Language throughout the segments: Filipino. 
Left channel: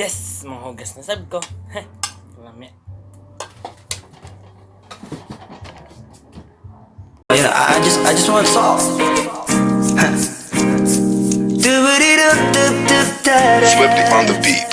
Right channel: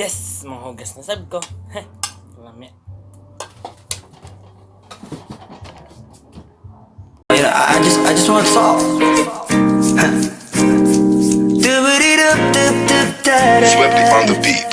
Yes! Manghugas na sab ko. Lami. You know, I just want to talk. Swifty on the beat.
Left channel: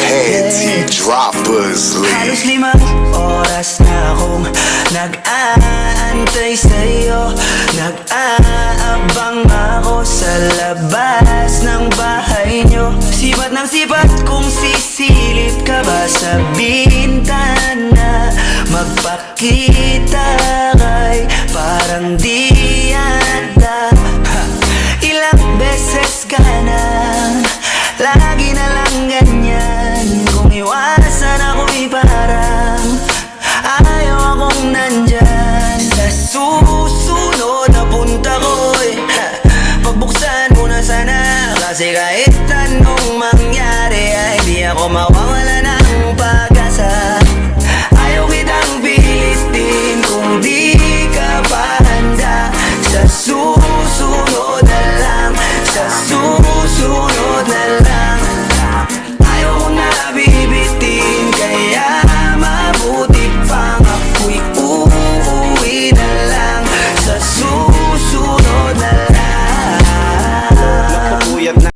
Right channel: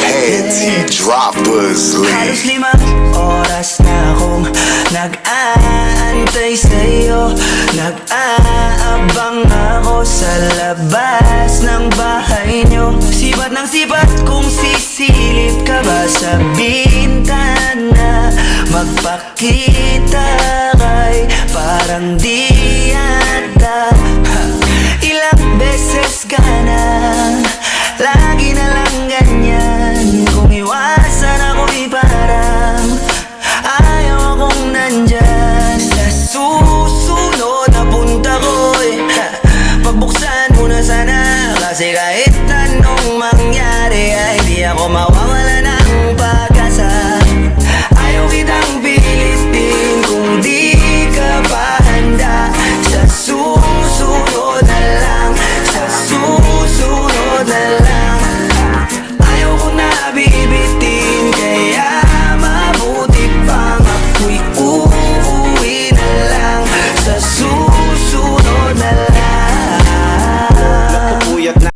Panty droppers Halos league. 5 oras na akong nag-aantay sa'yo. Nag-aabang ako sa labas ng bahay nyo. Sipat ng sipat kung sisilip ka ba sa bintana. Magpakita kay parang di yata. Ilang beses ka na, lagi na lang ganyan. Kung iwasan ako'y parang ayaw akong nandyan. Sa susunod na punta ko'y pagbuksan mo na sana. Kasi kahit anong mangyari ay di ako mawawala